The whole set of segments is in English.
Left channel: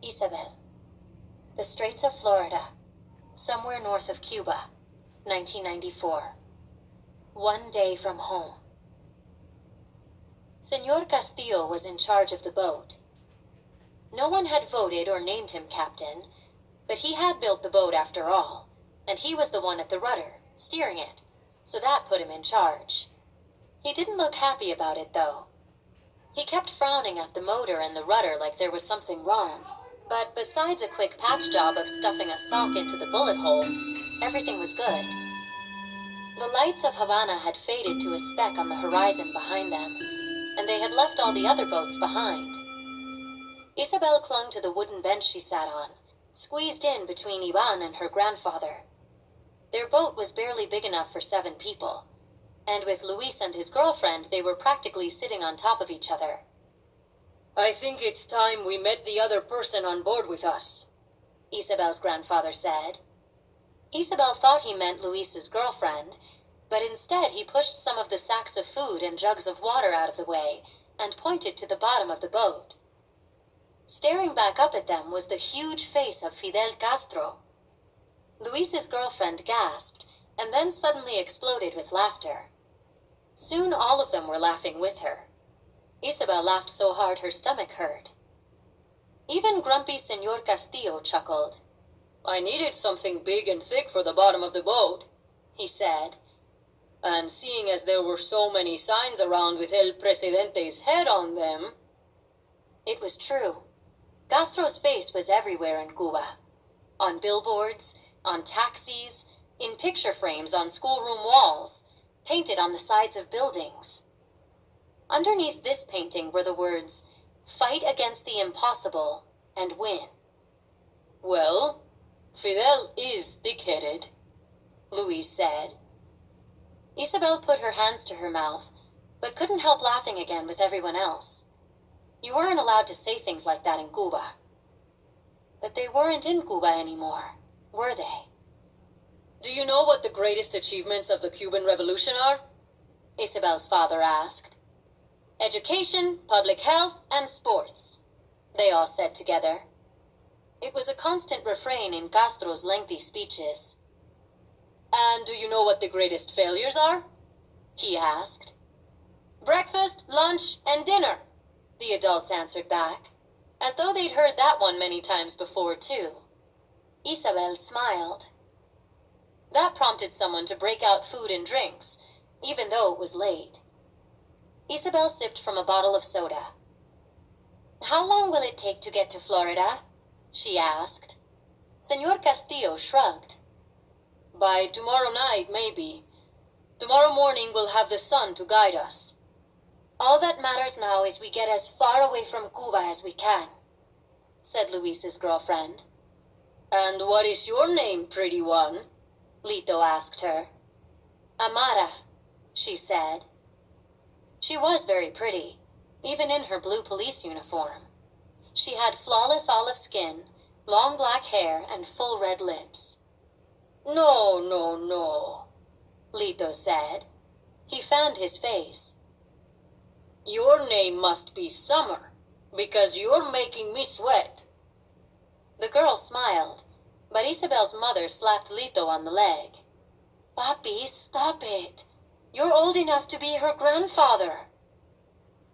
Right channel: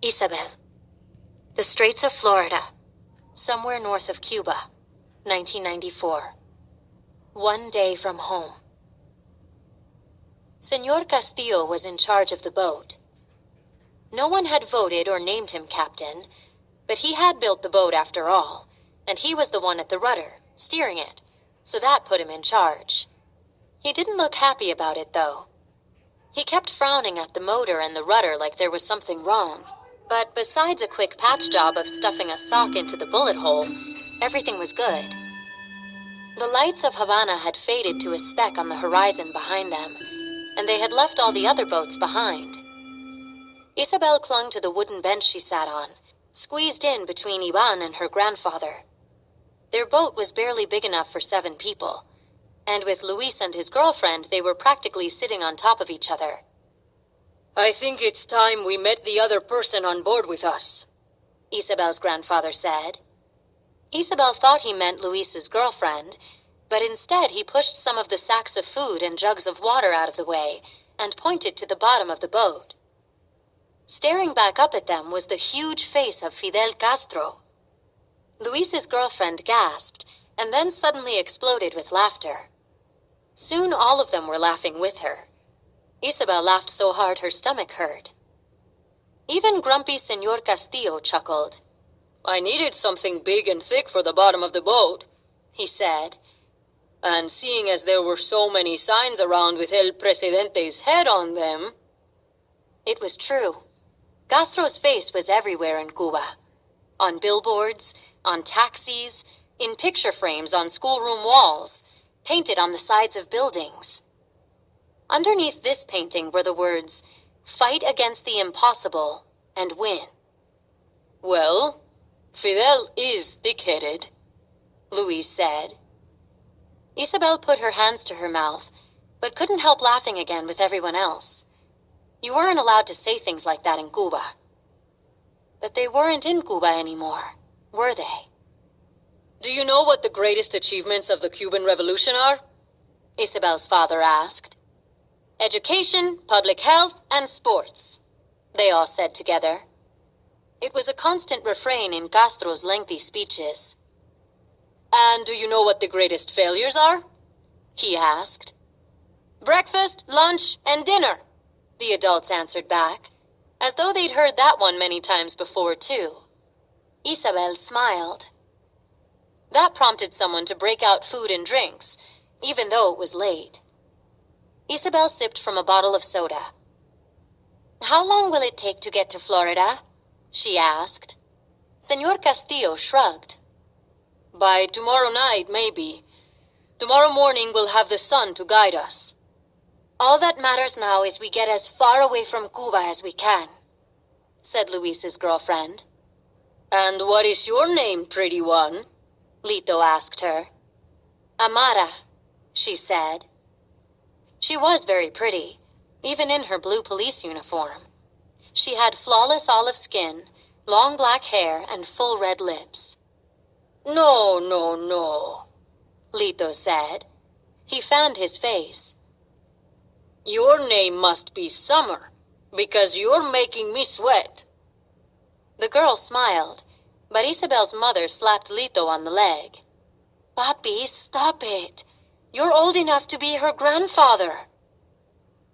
Isabel. The Straits of Florida. Somewhere north of Cuba. 1994. One day from home. Senor Castillo was in charge of the boat. No one had voted or named him captain, but he had built the boat after all, and he was the one at the rudder, steering it, so that put him in charge. He didn't look happy about it, though. He kept frowning at the motor and the rudder like there was something wrong. But besides a quick patch job of stuffing a sock into the bullet hole, everything was good. The lights of Havana had faded to a speck on the horizon behind them, and they had left all the other boats behind. Isabel clung to the wooden bench she sat on, squeezed in between Ivan and her grandfather. Their boat was barely big enough for 7 people, and with Luis and his girlfriend, they were practically sitting on top of each other. "I think it's time we met the other person on board with us," Isabel's grandfather said. Isabel thought he meant Luis's girlfriend, but instead he pushed some of the sacks of food and jugs of water out of the way and pointed to the bottom of the boat. Staring back up at them was the huge face of Fidel Castro. Luis's girlfriend gasped and then suddenly exploded with laughter. Soon all of them were laughing with her. Isabel laughed so hard her stomach hurt. Even grumpy Senor Castillo chuckled. "I needed something big and thick for the bottom of the boat," he said. "And seeing as there were so many signs around with El Presidente's head on them..." It was true. Castro's face was everywhere in Cuba. On billboards, on taxis, in picture frames on schoolroom walls, painted on the sides of buildings. Underneath this painting were the words, "Fight against the impossible and win." "Well, Fidel is thick-headed," Luis said. Isabel put her hands to her mouth, but couldn't help laughing again with everyone else. You weren't allowed to say things like that in Cuba. But they weren't in Cuba anymore, were they? "Do you know what the greatest achievements of the Cuban Revolution are?" Isabel's father asked. "Education, public health, and sports," they all said together. It was a constant refrain in Castro's lengthy speeches. "And do you know what the greatest failures are?" he asked. "Breakfast, lunch, and dinner," the adults answered back, as though they'd heard that one many times before, too. Isabel smiled. That prompted someone to break out food and drinks, even though it was late. Isabel sipped from a bottle of soda. "How long will it take to get to Florida?" she asked. Senor Castillo shrugged. "By tomorrow night, maybe. Tomorrow morning we'll have the sun to guide us." "All that matters now is we get as far away from Cuba as we can," said Luis's girlfriend. "And what is your name, pretty one?" Lito asked her. "Amara," she said. She was very pretty, even in her blue police uniform. She had flawless olive skin, long black hair, and full red lips. No, no, no," Lito said. He fanned his face. "Your name must be Summer, because you're making me sweat." The girl smiled, but Isabel's mother slapped Lito on the leg. "Papi, stop it. You're old enough to be her grandfather."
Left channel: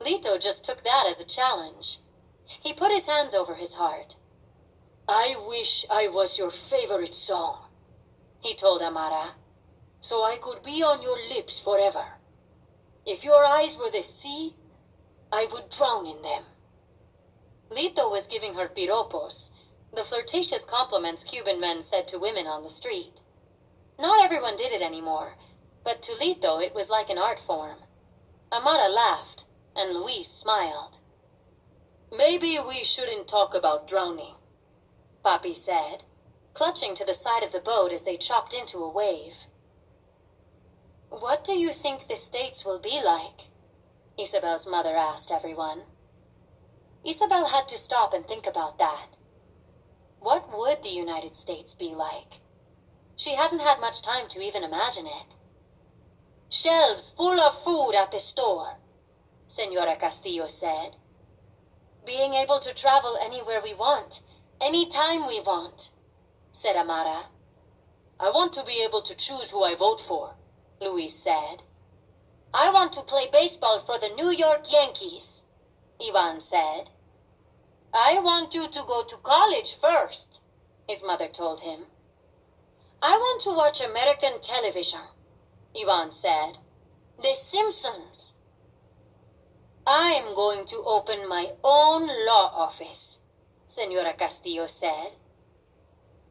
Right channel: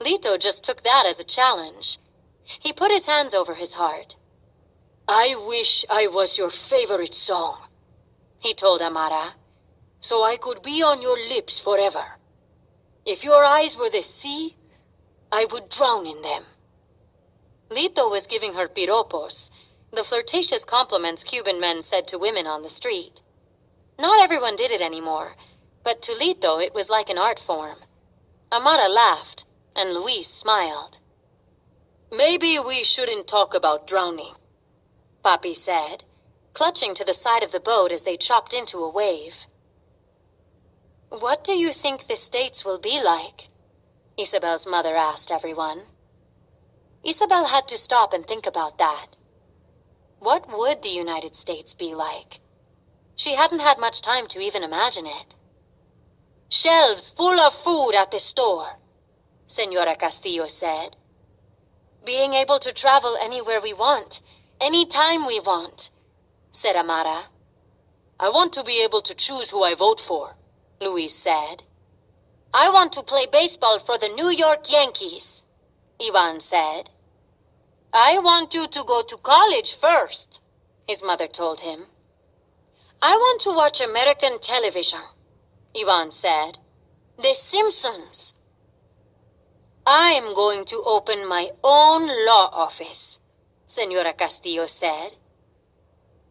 Lito just took that as a challenge. He put his hands over his heart. "I wish I was your favorite song," he told Amara, "so I could be on your lips forever. If your eyes were the sea, I would drown in them." Lito was giving her piropos, the flirtatious compliments Cuban men said to women on the street. Not everyone did it anymore, but to Lito it was like an art form. Amara laughed, and Luis smiled. "Maybe we shouldn't talk about drowning," Papi said, clutching to the side of the boat as they chopped into a wave. "What do you think the States will be like?" Isabel's mother asked everyone. Isabel had to stop and think about that. What would the United States be like? She hadn't had much time to even imagine it. "Shelves full of food at the store," Senora Castillo said. Being able to travel anywhere we want, anytime we want, said Amara. I want to be able to choose who I vote for, Luis said. I want to play baseball for the New York Yankees, Ivan said. I want you to go to college first, his mother told him. I want to watch American television, Ivan said. The Simpsons. I'm going to open my own law office, Senora Castillo said.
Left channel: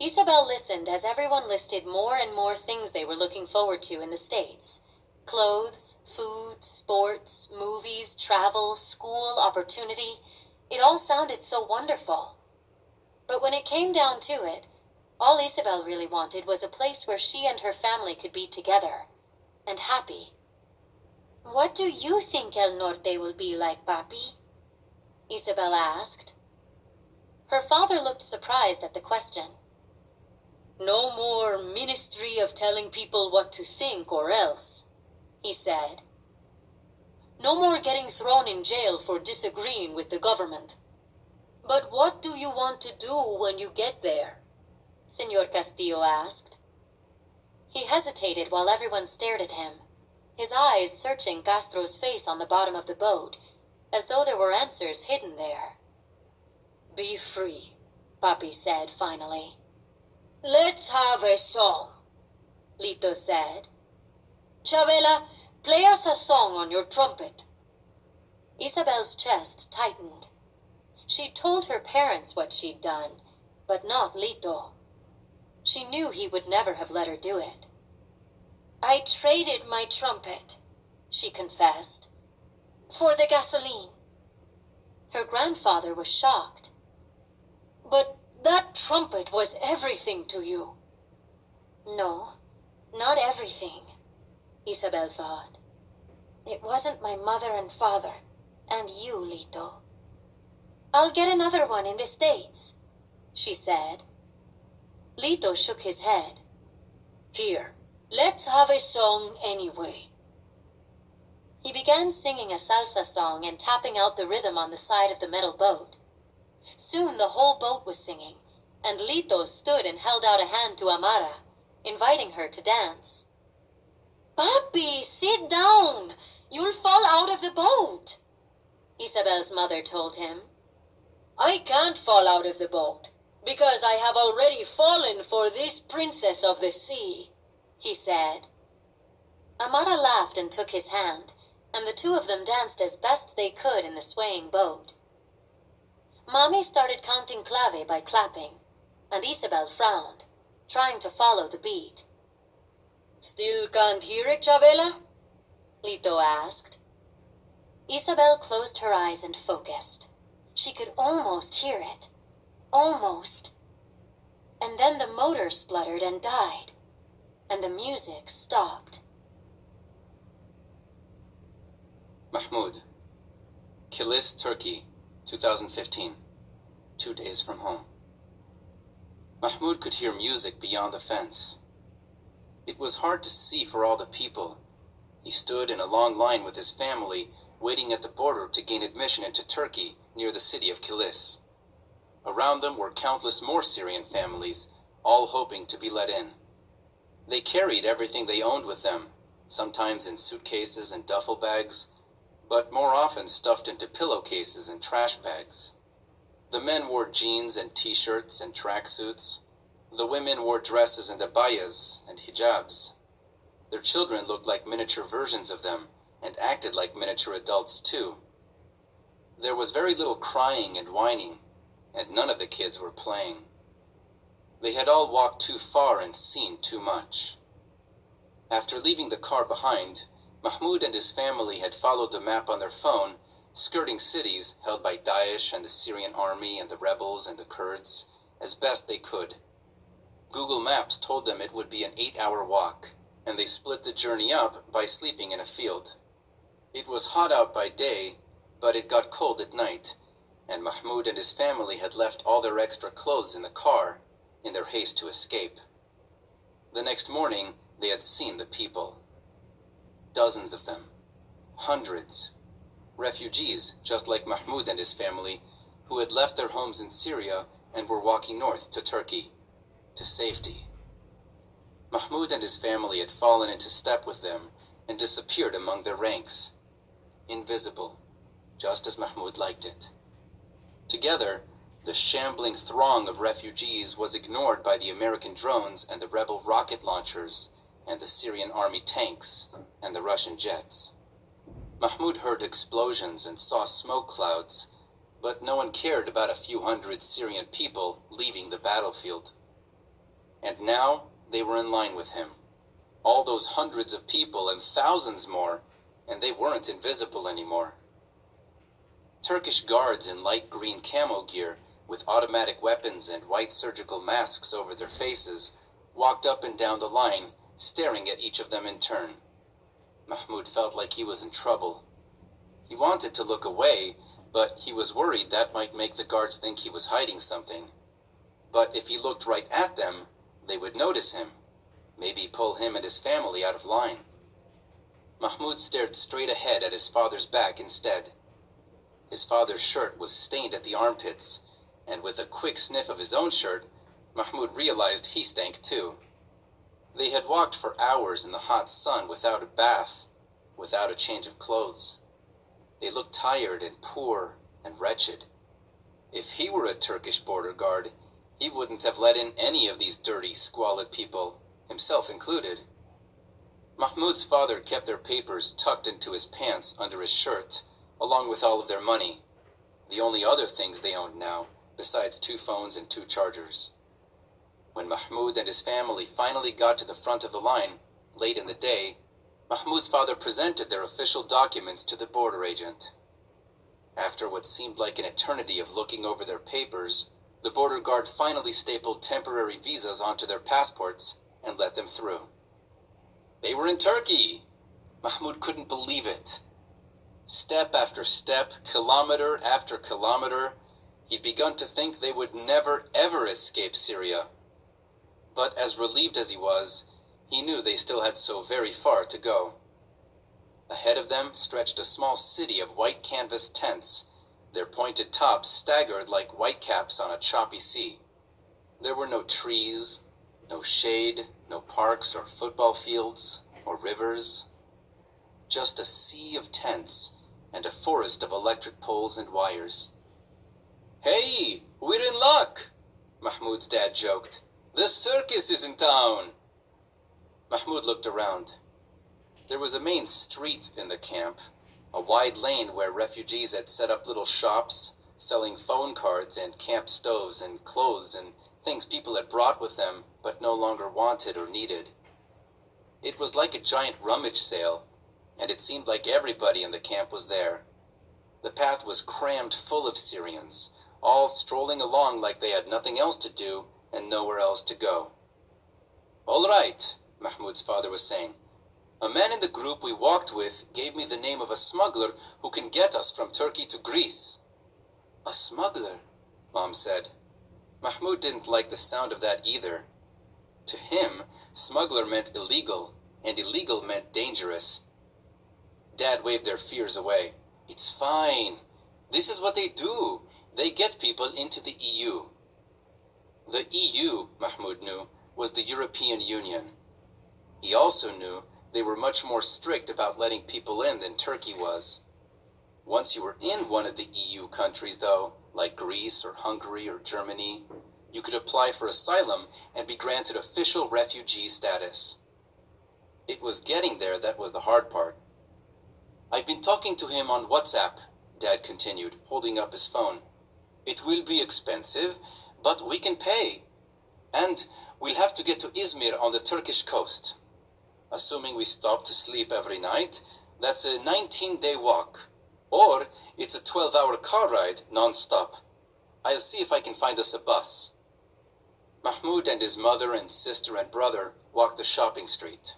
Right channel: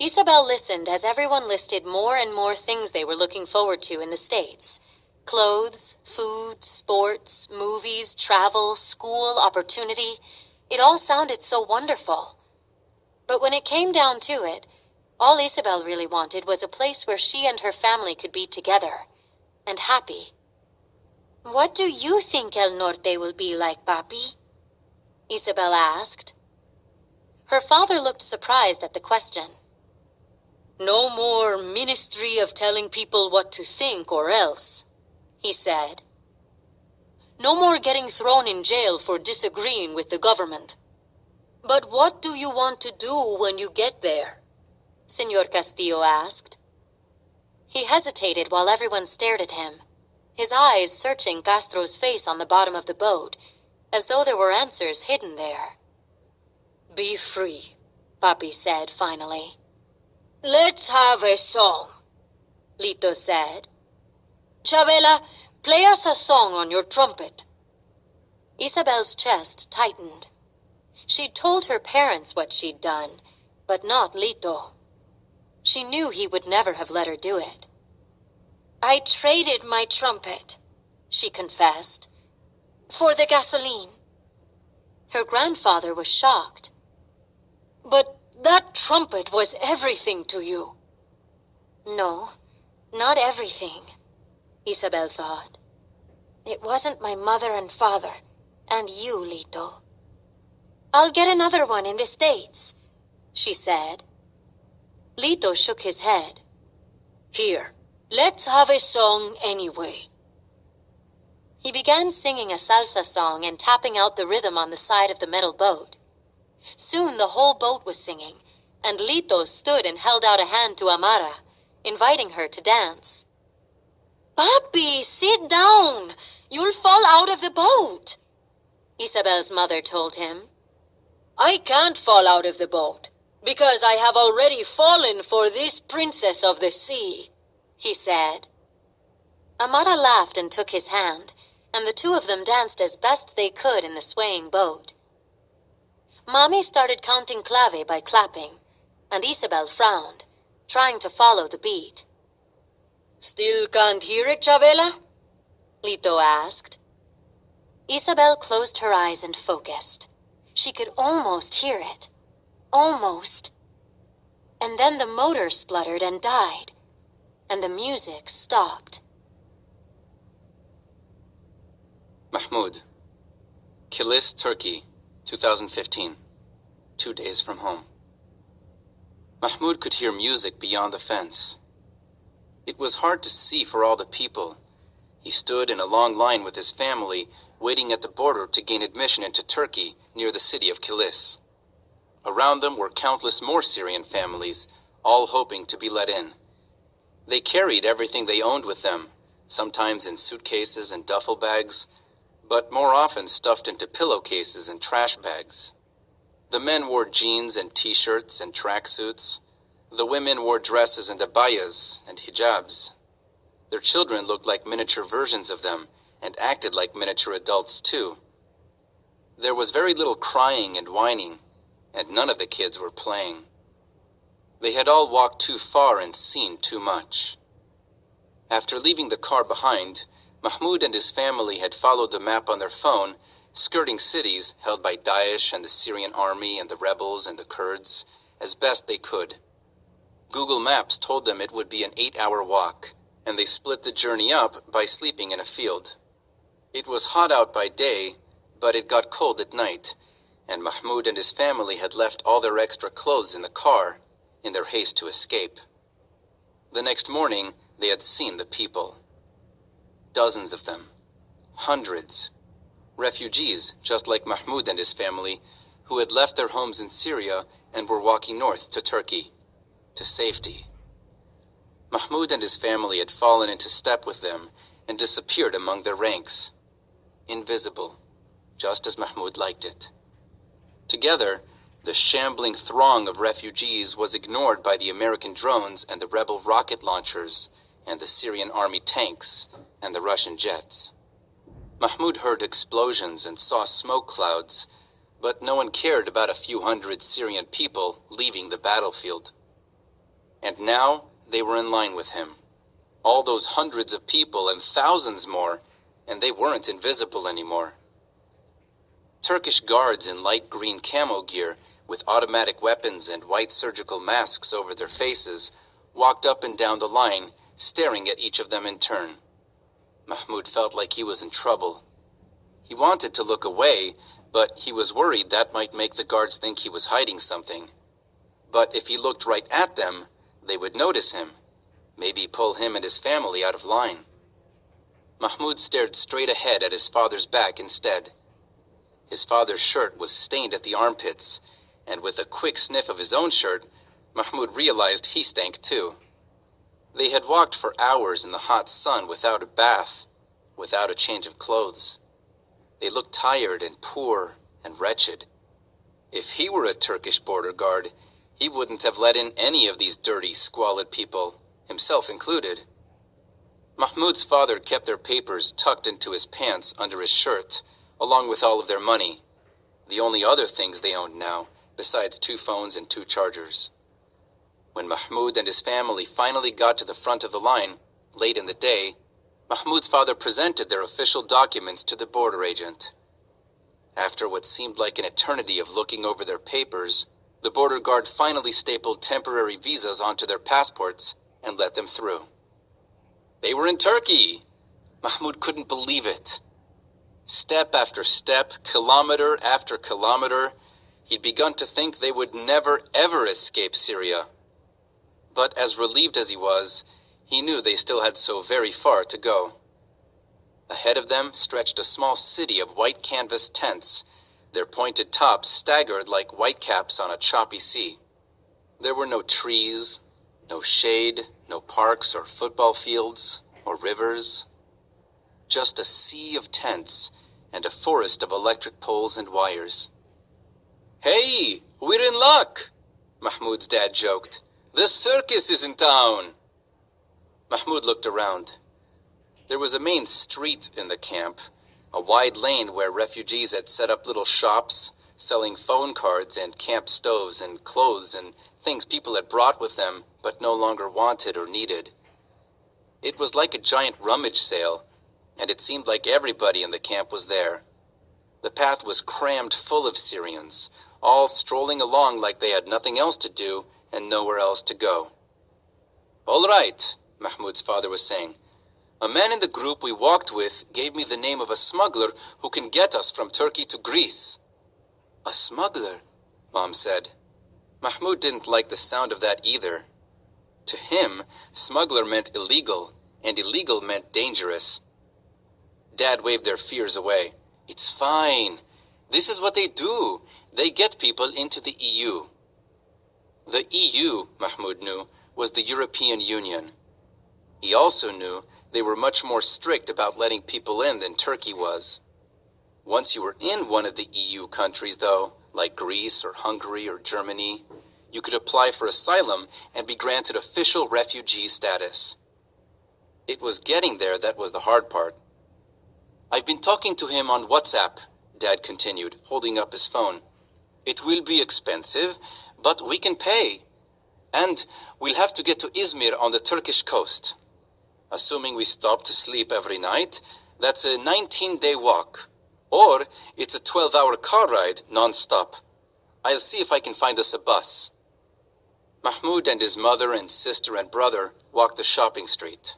Isabel listened as everyone listed more and more things they were looking forward to in the States. Clothes, food, sports, movies, travel, school, opportunity. It all sounded so wonderful. But when it came down to it, all Isabel really wanted was a place where she and her family could be together and happy. What do you think El Norte will be like, Papi? Isabel asked. Her father looked surprised at the question. No more ministry of telling people what to think or else, he said. No more getting thrown in jail for disagreeing with the government. But what do you want to do when you get there? Senor Castillo asked. He hesitated while everyone stared at him, his eyes searching Castro's face on the bottom of the boat, as though there were answers hidden there. Be free, Papi said finally. Let's have a song, Lito said. Chavela, play us a song on your trumpet. Isabel's chest tightened. She'd told her parents what she'd done, but not Lito. She knew he would never have let her do it. I traded my trumpet, she confessed, for the gasoline. Her grandfather was shocked. But that trumpet was everything to you. No, not everything, Isabel thought. It wasn't my mother and father, and you, Lito. I'll get another one in the States, she said. Lito shook his head. Here, let's have a song anyway. He began singing a salsa song and tapping out the rhythm on the side of the metal boat. Soon the whole boat was singing, and Lito stood and held out a hand to Amara, inviting her to dance. Papi, sit down. You'll fall out of the boat, Isabel's mother told him. I can't fall out of the boat, because I have already fallen for this princess of the sea, he said. Amara laughed and took his hand, and the two of them danced as best they could in the swaying boat. Mommy started counting clave by clapping, and Isabel frowned, trying to follow the beat. Still can't hear it, Chavela? Lito asked. Isabel closed her eyes and focused. She could almost hear it. Almost. And then the motor spluttered and died, and the music stopped. Mahmoud, Kilis, Turkey, 2015. 2 days from home. Mahmoud could hear music beyond the fence. It was hard to see for all the people. He stood in a long line with his family, waiting at the border to gain admission into Turkey near the city of Kilis. Around them were countless more Syrian families, all hoping to be let in. They carried everything they owned with them, sometimes in suitcases and duffel bags, but more often stuffed into pillowcases and trash bags. The men wore jeans and t-shirts and tracksuits. The women wore dresses and abayas and hijabs. Their children looked like miniature versions of them and acted like miniature adults too. There was very little crying and whining, and none of the kids were playing. They had all walked too far and seen too much. After leaving the car behind, Mahmoud and his family had followed the map on their phone, skirting cities held by Daesh and the Syrian army and the rebels and the Kurds, as best they could. Google Maps told them it would be an 8-hour walk, and they split the journey up by sleeping in a field. It was hot out by day, but it got cold at night, and Mahmoud and his family had left all their extra clothes in the car in their haste to escape. The next morning, they had seen the people. Dozens of them. Hundreds. Refugees, just like Mahmoud and his family, who had left their homes in Syria and were walking north to Turkey, to safety. Mahmoud and his family had fallen into step with them and disappeared among their ranks. Invisible, just as Mahmoud liked it. Together, the shambling throng of refugees was ignored by the American drones and the rebel rocket launchers and the Syrian army tanks and the Russian jets. Mahmoud heard explosions and saw smoke clouds, but no one cared about a few hundred Syrian people leaving the battlefield. And now they were in line with him. All those hundreds of people and thousands more, and they weren't invisible anymore. Turkish guards in light green camo gear with automatic weapons and white surgical masks over their faces walked up and down the line, staring at each of them in turn. Mahmoud felt like he was in trouble. He wanted to look away, but he was worried that might make the guards think he was hiding something. But if he looked right at them, they would notice him, maybe pull him and his family out of line. Mahmoud stared straight ahead at his father's back instead. His father's shirt was stained at the armpits, and with a quick sniff of his own shirt, Mahmoud realized he stank too. They had walked for hours in the hot sun without a bath, without a change of clothes. They looked tired and poor and wretched. If he were a Turkish border guard, he wouldn't have let in any of these dirty, squalid people, himself included. Mahmoud's father kept their papers tucked into his pants under his shirt, along with all of their money, the only other things they owned now, besides 2 phones and 2 chargers. When Mahmoud and his family finally got to the front of the line, late in the day, Mahmoud's father presented their official documents to the border agent. After what seemed like an eternity of looking over their papers, the border guard finally stapled temporary visas onto their passports and let them through. They were in Turkey! Mahmoud couldn't believe it. Step after step, kilometer after kilometer, he'd begun to think they would never ever escape Syria. But as relieved as he was, he knew they still had so very far to go. Ahead of them stretched a small city of white canvas tents, their pointed tops staggered like whitecaps on a choppy sea. There were no trees, no shade, no parks or football fields or rivers. Just a sea of tents and a forest of electric poles and wires. "Hey, we're in luck," Mahmoud's dad joked. "The circus is in town." Mahmoud looked around. There was a main street in the camp, a wide lane where refugees had set up little shops, selling phone cards and camp stoves and clothes and things people had brought with them but no longer wanted or needed. It was like a giant rummage sale, and it seemed like everybody in the camp was there. The path was crammed full of Syrians, all strolling along like they had nothing else to do and nowhere else to go. "All right," Mahmoud's father was saying. "A man in the group we walked with gave me the name of a smuggler who can get us from Turkey to Greece." "A smuggler?" Mom said. Mahmoud didn't like the sound of that either. To him, smuggler meant illegal, and illegal meant dangerous. Dad waved their fears away. "It's fine. This is what they do. They get people into the EU. The EU, Mahmoud knew, was the European Union. He also knew they were much more strict about letting people in than Turkey was. Once you were in one of the EU countries, though, like Greece or Hungary or Germany, you could apply for asylum and be granted official refugee status. It was getting there that was the hard part. "I've been talking to him on WhatsApp," Dad continued, holding up his phone. "It will be expensive, but we can pay. And we'll have to get to Izmir on the Turkish coast. Assuming we stop to sleep every night, that's a 19-day walk. Or it's a 12-hour car ride non-stop. I'll see if I can find us a bus." Mahmoud and his mother and sister and brother walked the shopping street.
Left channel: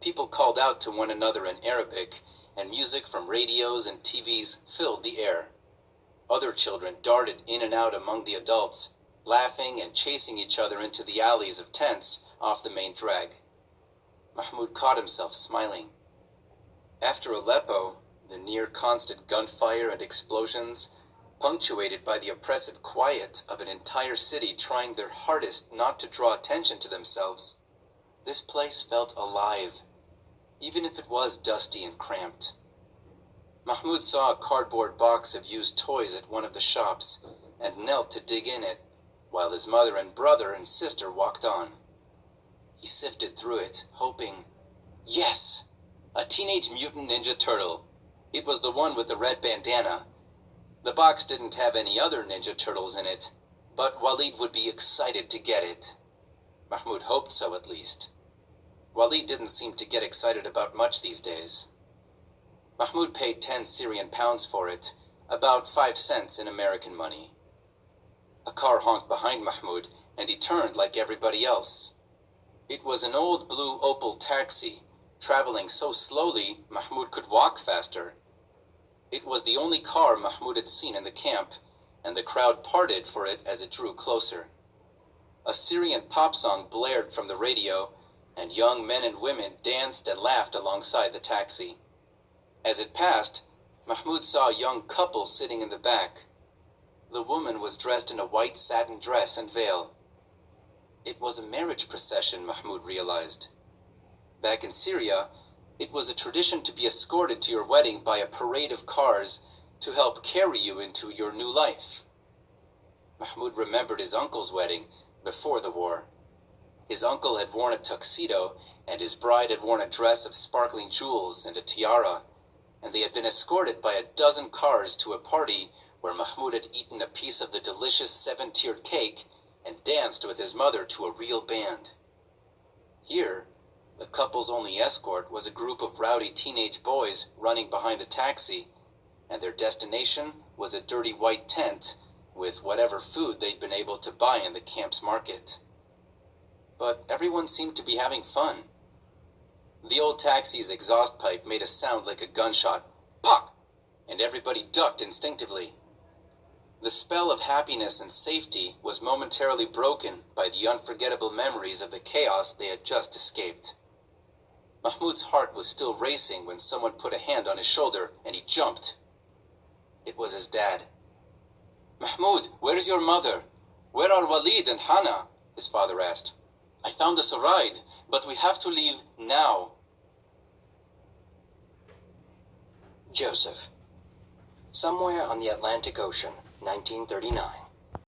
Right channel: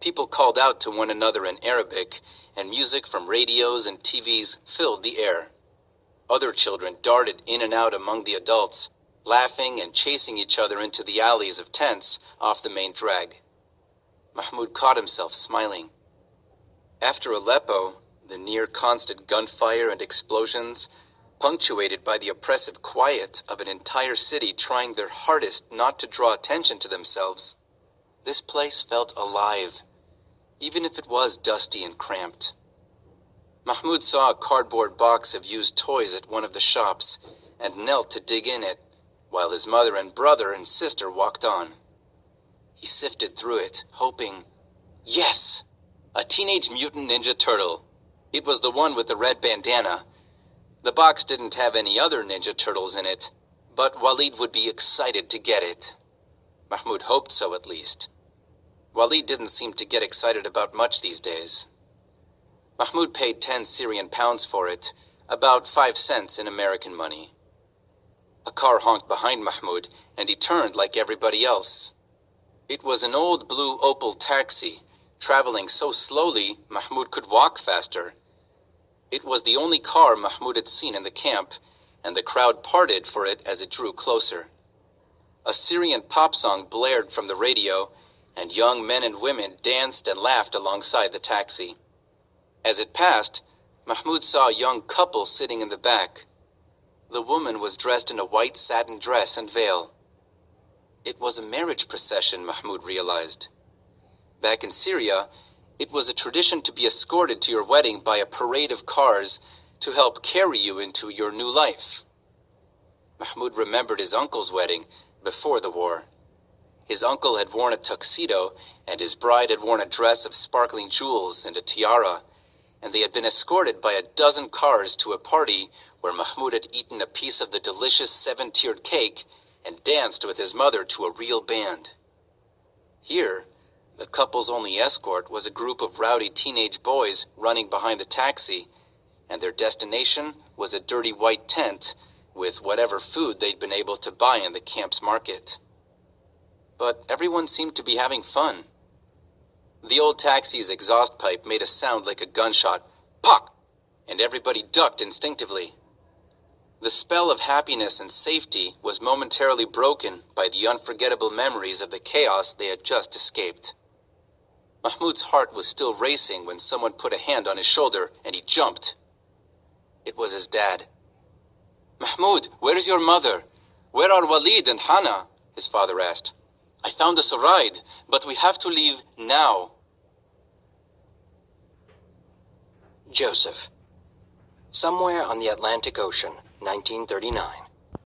People called out to one another in Arabic, and music from radios and TVs filled the air. Other children darted in and out among the adults, laughing and chasing each other into the alleys of tents off the main drag. Mahmoud caught himself smiling. After Aleppo, the near-constant gunfire and explosions, punctuated by the oppressive quiet of an entire city trying their hardest not to draw attention to themselves. This place felt alive, even if it was dusty and cramped. Mahmoud saw a cardboard box of used toys at one of the shops and knelt to dig in it, while his mother and brother and sister walked on. He sifted through it, hoping, yes! A Teenage Mutant Ninja Turtle. It was the one with the red bandana. The box didn't have any other Ninja Turtles in it, but Walid would be excited to get it. Mahmoud hoped so, at least. Walid didn't seem to get excited about much these days. Mahmoud paid 10 Syrian pounds for it, about 5 cents in American money. A car honked behind Mahmoud, and he turned like everybody else. It was an old blue Opel taxi, traveling so slowly Mahmoud could walk faster. It was the only car Mahmoud had seen in the camp, and the crowd parted for it as it drew closer. A Syrian pop song blared from the radio, and young men and women danced and laughed alongside the taxi. As it passed, Mahmoud saw a young couple sitting in the back. The woman was dressed in a white satin dress and veil. It was a marriage procession, Mahmoud realized. Back in Syria, it was a tradition to be escorted to your wedding by a parade of cars to help carry you into your new life. Mahmoud remembered his uncle's wedding before the war. His uncle had worn a tuxedo, and his bride had worn a dress of sparkling jewels and a tiara, and they had been escorted by a dozen cars to a party where Mahmoud had eaten a piece of the delicious 7-tiered cake and danced with his mother to a real band. Here, the couple's only escort was a group of rowdy teenage boys running behind the taxi, and their destination was a dirty white tent with whatever food they'd been able to buy in the camp's market. But everyone seemed to be having fun. The old taxi's exhaust pipe made a sound like a gunshot. Pop! And everybody ducked instinctively. The spell of happiness and safety was momentarily broken by the unforgettable memories of the chaos they had just escaped. Mahmoud's heart was still racing when someone put a hand on his shoulder, and he jumped. It was his dad. "Mahmoud, where's your mother? Where are Walid and Hana?" his father asked. "I found us a ride, but we have to leave now." Joseph. Somewhere on the Atlantic Ocean, 1939.